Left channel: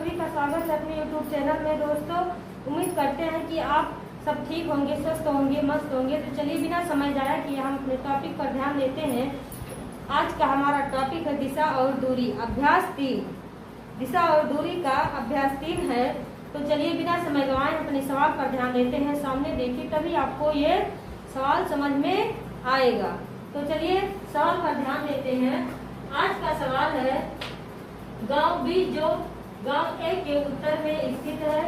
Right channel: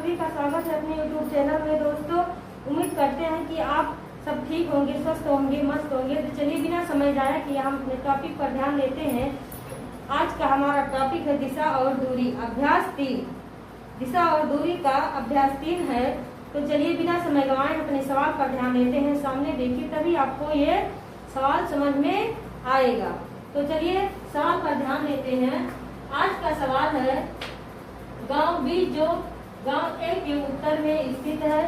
सभी का स्वागत है अपने YouTube चैनल में। दोस्तों, उम्मीद करते हैं कि आप सब ठीक होंगे, स्वस्थ होंगे, मस्त होंगे। तो चलिए बिना समय जाया कि हम अपने टॉपिक पर ध्यान देते हैं। आज का हमारा टॉपिक है दिशा और दूरी, अभ्यास 3। दिशा और दूरी का अभ्यास 3 है। तो चलिए बिना समय गंवाए अपने सवाल पर ध्यान देते हैं। सामने देखिए, तभी आपको ये सवाल समझ में आएगा। तो चलिए सवाल पर ध्यान देते हैं। आज का सवाल है, गांव बी जो गांव ए के उत्तर में स्थित है,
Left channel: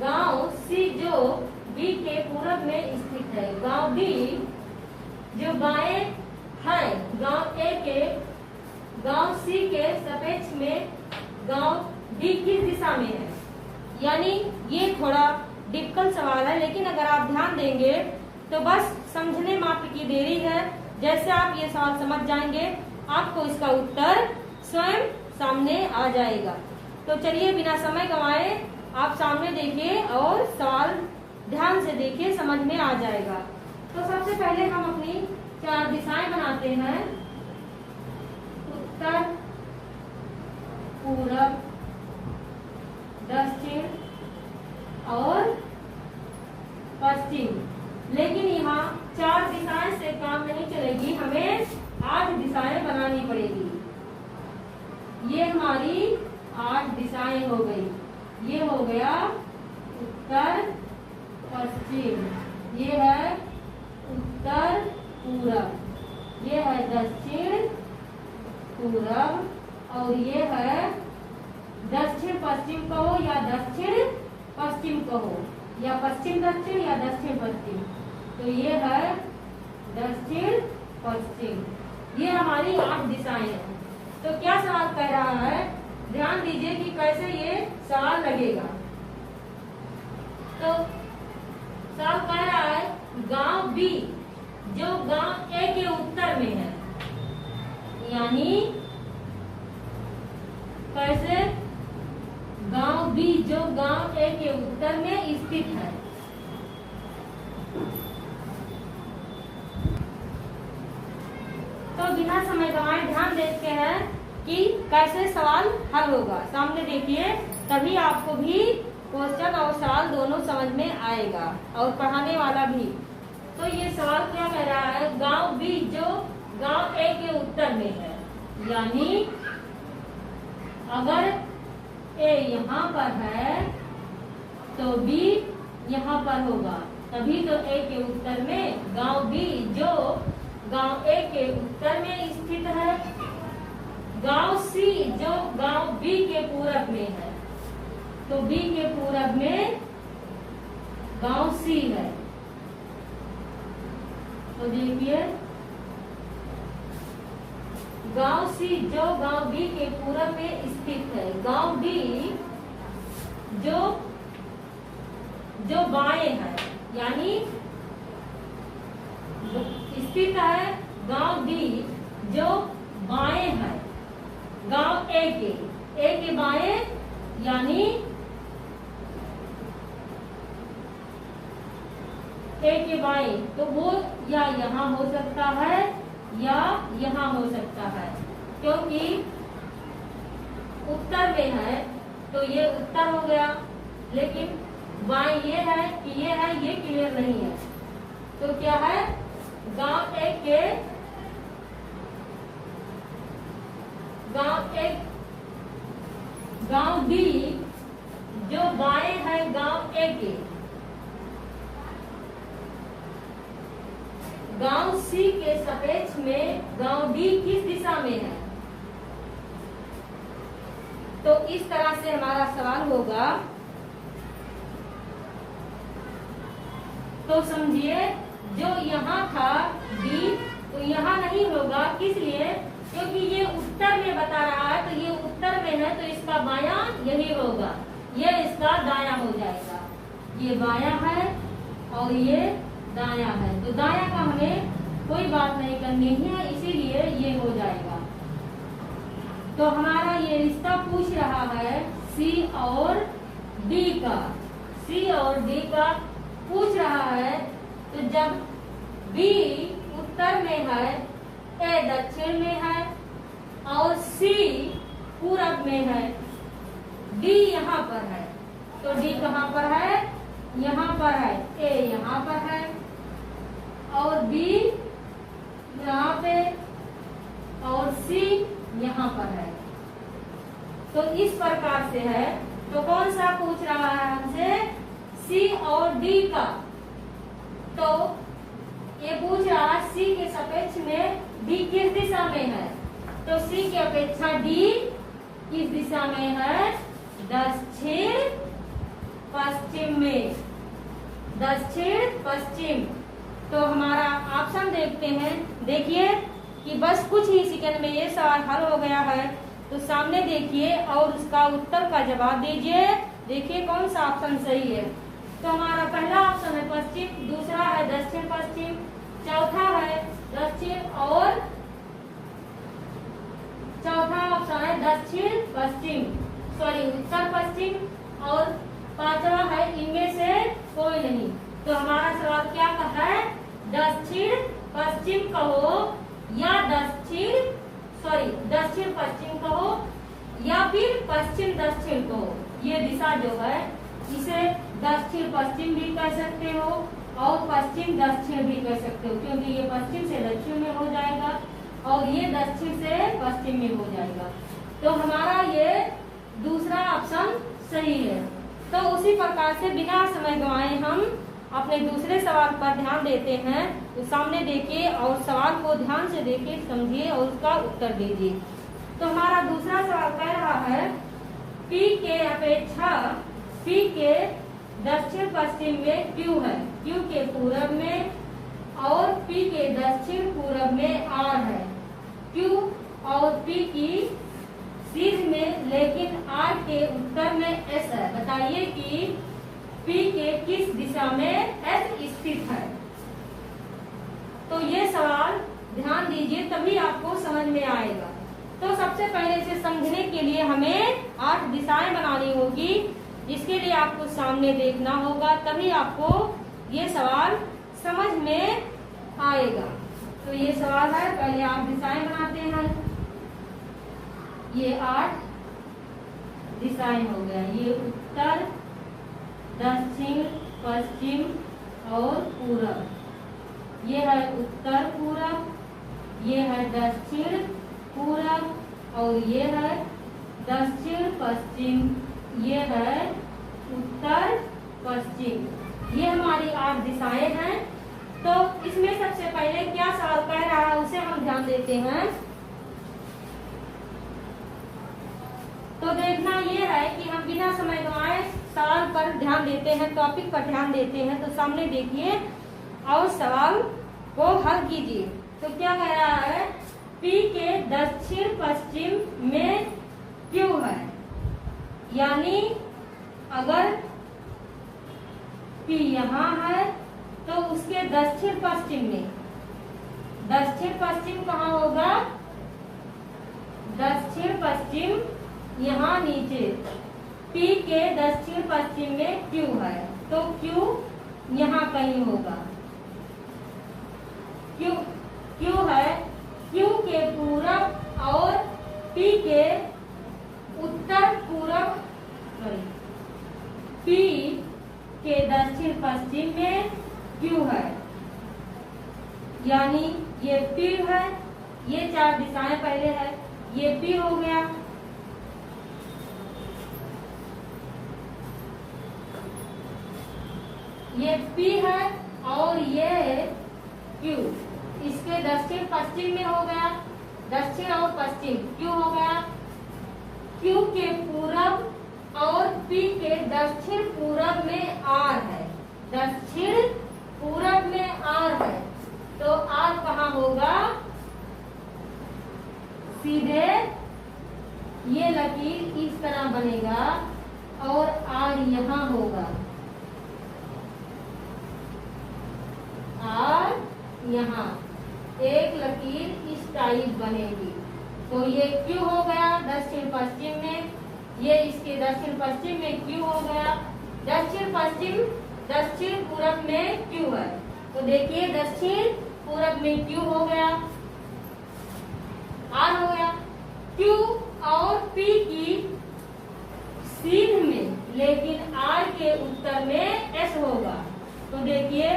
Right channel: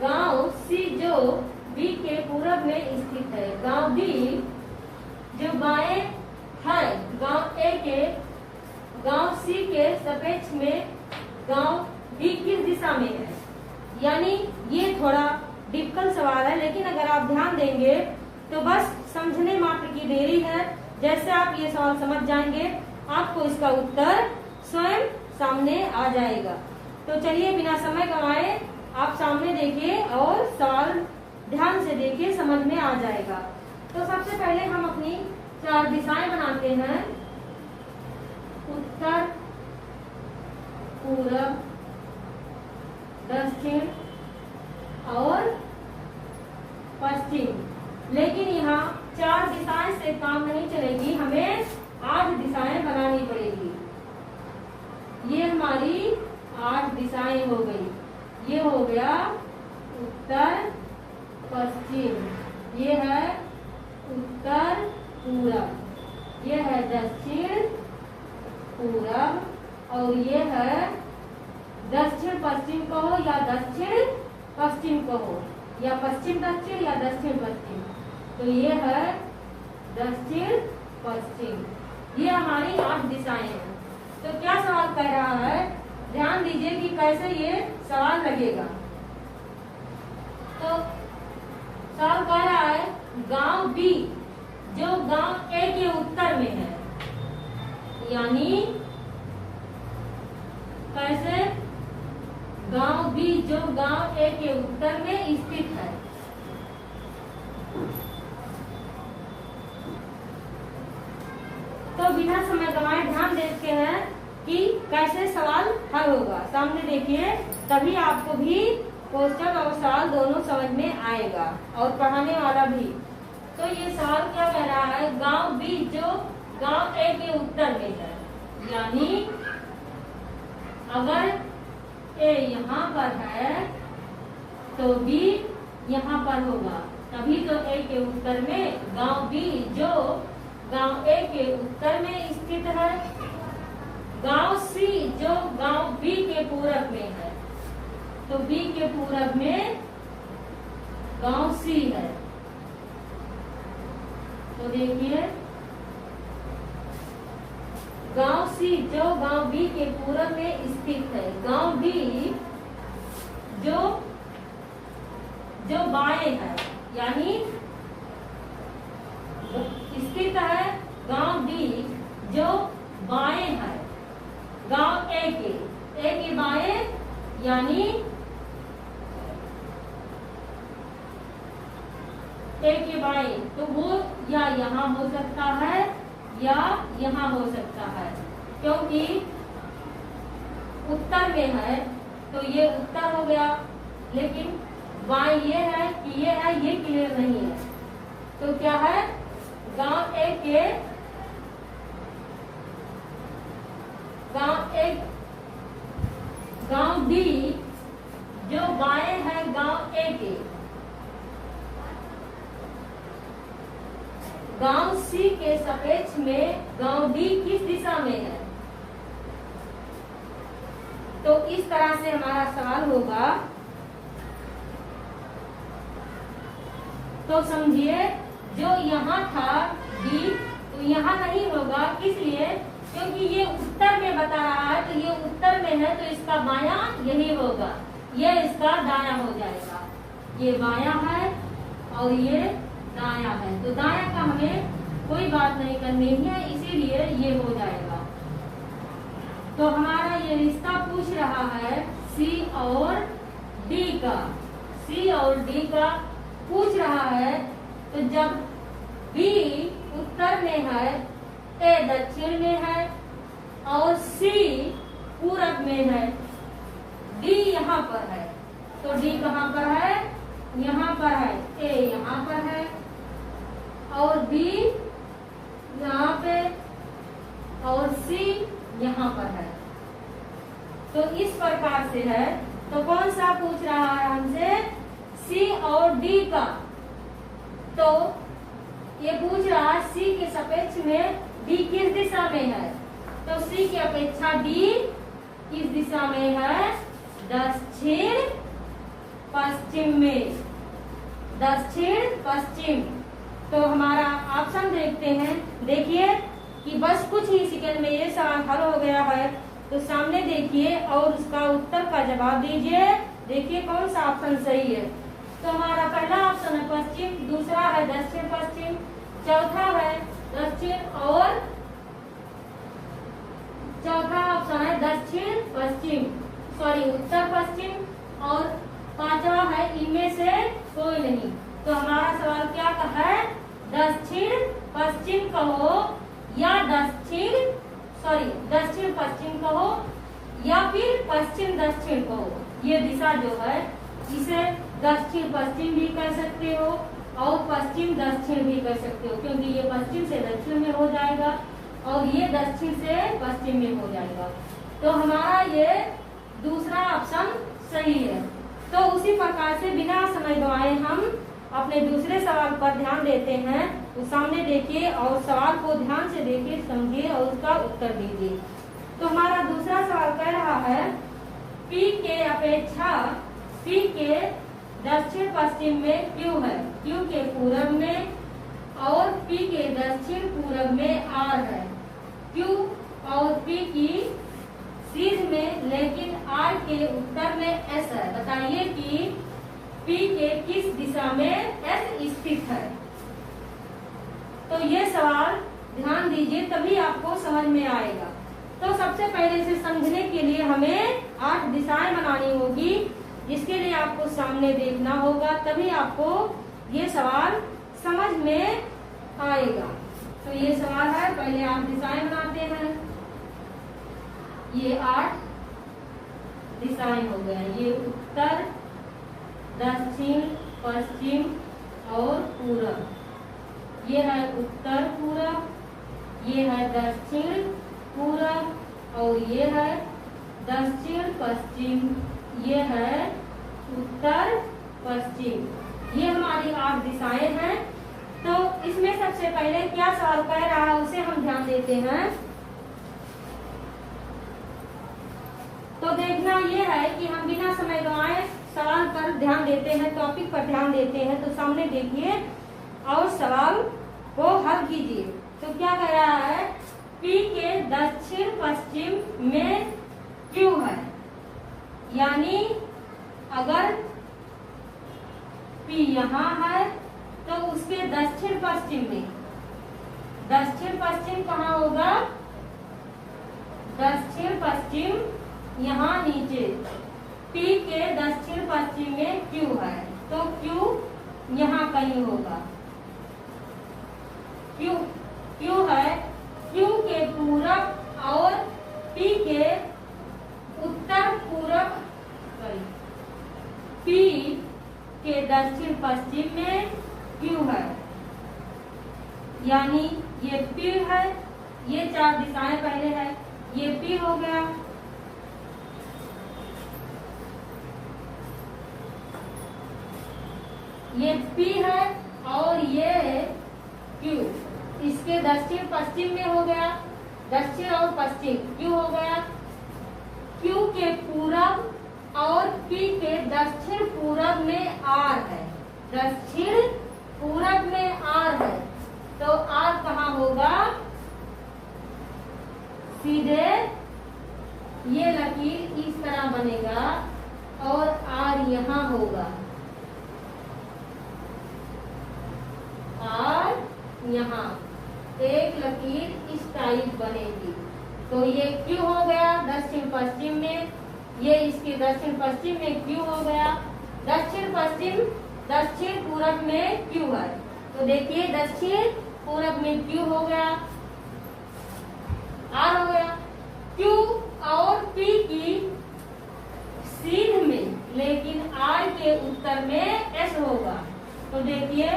गांव सी जो बी के पूरब में स्थित है, गांव बी जो बाएं है गांव ए के गांव सी के सापेक्ष में गांव बी किस दिशा में है। यानी ये थोड़ा डिफिकल्ट सवाल है, लेकिन अगर आप ध्यान देंगे तो बस समझने मात्र की देरी है। जैसे आप ये सवाल समझ जाएंगे, आपको इसका उत्तर स्वयं सामने आ जाएगा। तो चलिए बिना समय गंवाए आप सामने देखिए और सवाल ध्यान से देखिए, समझ में आ जाएगा। तो सबसे पहले हम अपनी 4 दिशाएं बनाते हैं, उत्तर, पूरब, दक्षिण और पश्चिम। लेकिन यहाँ 4 दिशाएं से काम नहीं चलेगी, हमें 8 दिशाएं बनानी पड़ेगी। ये हमारी 8 दिशाएं हो गई। ये हो गया उत्तर पश्चिम, ये है उत्तर पूरब, ये है दक्षिण पूरब, और ये है दक्षिण पश्चिम कहो या दक्षिण पश्चिम कहो, या पश्चिम दक्षिण या दक्षिण पश्चिम। तो ये है दक्षिण पश्चिम। ये हमारी 8 दिशाएं हैं। तो क्या सवाल कह रहा है, ध्यान दीजिए कि कैसे ये सवाल लगेगा। तो सवाल कह रहा है, गांव बी जो गांव ए के उत्तर में है, यानी कैसे, गांव बी जो गांव ए के उत्तर में स्थित है। तो बिना समय गंवाए ध्यान देते हैं कि कैसे सवाल हल होगा। सामने देखिए, तभी आपको भी क्वेश्चन और सवाल दोनों समझ में आएगा और पढ़ाने वाला भी। तो ये सवाल क्या कह रहा है, गांव बी जो गांव ए के उत्तर में है, यानी अगर ए यहाँ पर है तो बी यहाँ पर होगा, तभी तो ए के उत्तर में गांव बी जो गांव ए के उत्तर में स्थित है, गांव सी जो गांव बी के पूरब में है, तो बी के पूरब में गांव सी है। तो देखिए, गांव सी जो गांव बी के पूरब में स्थित है, गांव बी जो बाएं है, यानी स्थित है गांव बी जो बाएं है गांव ए के बाएं, यानी ए के बाएं। तो वो या यहाँ हो सकता है या यहाँ हो सकता है, क्योंकि उत्तर में है तो ये उत्तर हो गया, लेकिन बाएं ये है कि ये है, ये क्लियर नहीं है। तो क्या है, गांव ए के गांव बी जो बाएं है गांव ए के, गांव सी के सापेक्ष में गांव डी किस दिशा में है। तो इस तरह से हमारा सवाल होगा। तो समझिए, जो यहाँ था डी, तो यहाँ नहीं होगा, किस लिए, क्योंकि ये उत्तर में बता रहा है, तो ये उत्तर में है, तो इसका बायां यही होगा, ये इसका दायां हो जाएगा। ये बायां है और ये दायां है, तो दायां का हमें कोई बात नहीं करनी है, इसीलिए ये हो जाएगा। तो हमारा ये रिश्ता पूछ रहा है सी और डी का, सी और डी का पूछ रहा है। तो जब बी उत्तर में है, ए दक्षिण में है और सी पूरब में है, डी पर है, तो डी कहाँ पर है, यहाँ पर है, ए यहाँ पर है और बी यहाँ पे और सी यहाँ पर है। तो इस प्रकार से है। तो कौन सा पूछ रहा है हमसे, सी और डी का। तो ये पूछ रहा है सी के सापेक्ष में डी किस दिशा में है, तो सी की अपेक्षा डी किस दिशा में है, दक्षिण पश्चिम में, दक्षिण पश्चिम। तो हमारा ऑप्शन देखते हैं। देखिए कि बस कुछ ही सेकंड में ये सवाल हल हो गया है। तो सामने देखिए और उसका उत्तर का जवाब दीजिए। देखिए कौन सा ऑप्शन सही है। तो हमारा पहला ऑप्शन है पश्चिम, दूसरा है दक्षिण पश्चिम, चौथा है दक्षिण और चौथा ऑप्शन है दक्षिण पश्चिम, सॉरी उत्तर पश्चिम, और पांचवा है इनमें से कोई नहीं। तो हमारा सवाल क्या है, दक्षिण पश्चिम कहो या दक्षिण पश्चिम कहो या फिर पश्चिम दक्षिण कहो। ये दिशा जो है इसे दक्षिण पश्चिम भी कह सकते हो और पश्चिम दक्षिण भी कह सकते हो, क्योंकि ये पश्चिम से दक्षिण में हो जाएगा और ये दक्षिण से पश्चिम में हो जाएगा। तो हमारा ये दूसरा ऑप्शन सही है। तो उसी प्रकार से बिना समय गंवाए हम अपने दूसरे सवाल पर ध्यान देते हैं। तो सामने देखिए और सवाल को ध्यान से देखिए, समझिए और उसका उत्तर दीजिए। तो हमारा दूसरा सवाल कह रहा है P के अपेक्षा P के दक्षिण पश्चिम में Q है, Q के पूरब में, और P के दक्षिण पूरब में R है। Q और P की सीध में लेकिन R के उत्तर में S है। बताइए कि P के किस दिशा में S स्थित है। तो ये सवाल ध्यान दीजिए तभी आपको समझ में आएगा। तो सबसे पहले इसे समझने के लिए हमें 8 दिशाएं बनानी होगी, जिसके लिए आपको सामने देखना होगा, तभी आपको ये सवाल समझ में आएगा। तो ये सवाल है, पहले आप दिशाएं बनाते हैं। ये 8 दिशाएं हो गया, ये उत्तर, दक्षिण, पश्चिम और पूरब। ये है उत्तर पूरब, ये है दक्षिण पूरब और ये है दक्षिण पश्चिम, ये है उत्तर पश्चिम। ये हमारी 8 दिशाएं हैं। तो इसमें सबसे पहले क्या सवाल कह रहा है उसे हम ध्यान देते हैं। तो देखना ये है कि हम बिना समय गंवाए सवाल पर ध्यान देते हैं, टॉपिक पर ध्यान देते हैं। तो सामने देखिए और सवाल को हल कीजिए। तो क्या कह रहा है, P के दक्षिण पश्चिम में Q है, यानी अगर P यहाँ है तो उसके दक्षिण पश्चिम में, दक्षिण पश्चिम कहाँ होगा, दक्षिण पश्चिम यहाँ नीचे, P के दक्षिण पश्चिम में Q है, तो Q यहाँ कहीं होगा। Q है, Q के पूरब और P के उत्तर पूरब, P के दक्षिण पश्चिम में Q है, यानी ये P है। ये 4 दिशाएं पहले है, ये P हो गया, ये P है और ये Q, इसके दक्षिण पश्चिम में हो गया, दक्षिण और पश्चिम Q हो गया। Q के पूरब और P के दक्षिण पूरब में R है, दक्षिण पूरब में R है, तो R कहाँ होगा, सीधे ये लकीर इस तरह बनेगा और R यहाँ होगा, R यहाँ एक लकीर इस टाइप बनेगी। तो ये Q हो गया दक्षिण पश्चिम में, ये इसके दक्षिण पश्चिम में Q हो गया, दक्षिण पश्चिम दक्षिण पूरब में Q है। तो देखिए दक्षिण पूरब में Q हो गया, R हो गया। Q और P की सीध में उत्तर में एस होगा। तो देखिए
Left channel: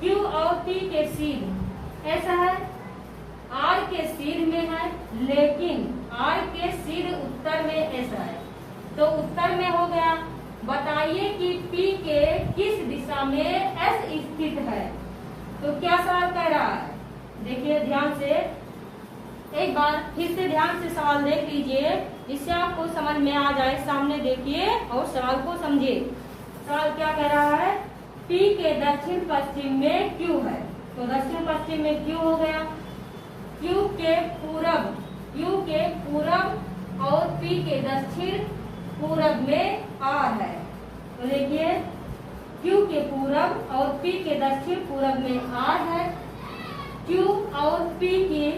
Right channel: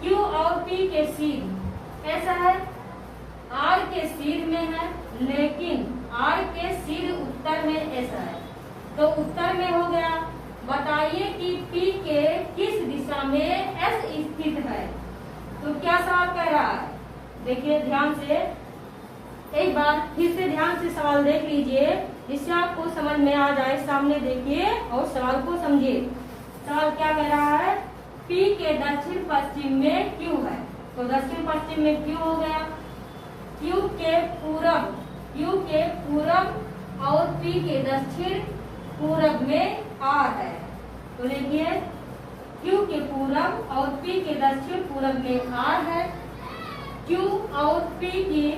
क्यू और पी के सीध ऐसा है, आर के सीध में है, लेकिन आर के सीध उत्तर में ऐसा है। तो उत्तर में हो गया। बताइए कि पी के किस दिशा में एस स्थित है। तो क्या सवाल कह रहा है, देखिए ध्यान से, एक बार फिर से ध्यान से सवाल देख लीजिए, जिससे आपको समझ में आ जाए। सामने देखिए और सवाल को समझिए। सवाल क्या कह रहा है, पी के दक्षिण पश्चिम में क्यू है। तो दक्षिण पश्चिम में क्यू हो गया। क्यू के पूरब और पी के दक्षिण पूरब में आर है। तो देखिए क्यू के पूरब और पी के दक्षिण पूरब में आर है। क्यू और पी की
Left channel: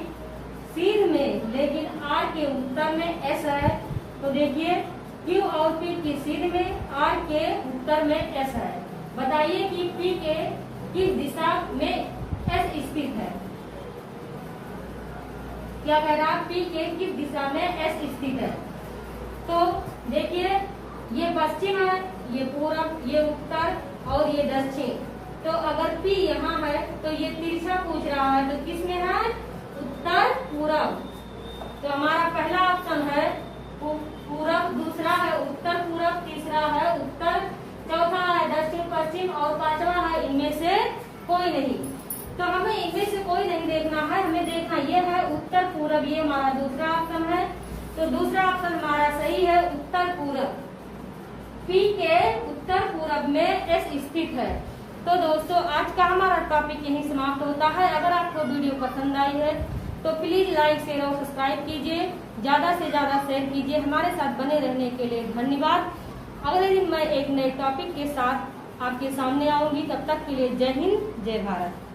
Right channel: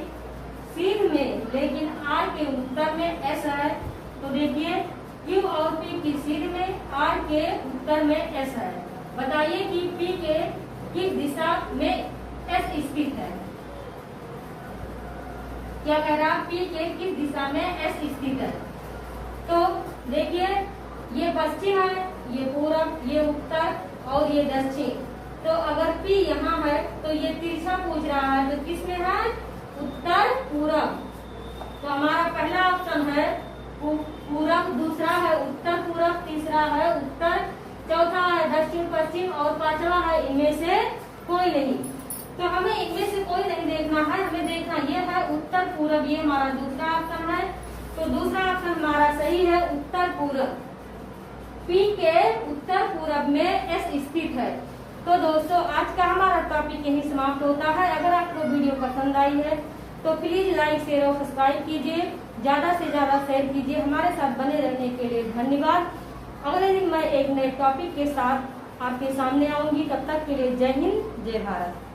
सीध में, लेकिन आर के उत्तर में एस है। तो देखिए क्यू और पी की सीध में, आर के उत्तर में एस है। बताइए कि पी के किस दिशा में एस स्थित है। क्या कह रहा है, पी के किस दिशा में एस स्थित है। तो देखिए ये पश्चिम है, ये पूरब, ये उत्तर और ये दक्षिण। तो अगर पी यहाँ है तो ये तिरछा पूछ रहा है, तो किस में है, उत्तर पूरब। तो हमारा पहला ऑप्शन है पूरब, दूसरा है उत्तर पूरब, तीसरा है उत्तर, चौथा है दक्षिण पश्चिम और पांचवा है इनमें से कोई नहीं। तो हमें इनमें से कोई नहीं देखना है, हमें देखना ये है उत्तर पूरब। ये हमारा दूसरा ऑप्शन है। तो दूसरा ऑप्शन हमारा सही है, उत्तर पूरब। पी के उत्तर पूरब में एस स्थित है। तो दोस्तों आज का हमारा टॉपिक यही समाप्त होता है। अगर आपको वीडियो पसंद आई है तो प्लीज लाइक शेयर और सब्सक्राइब कीजिए, ज्यादा से ज्यादा शेयर कीजिए। हमारे साथ बने रहने के लिए धन्यवाद। अगले दिन मैं एक नए टॉपिक के साथ आपके सामने आऊंगी। तब तक के लिए जय हिंद, जय भारत।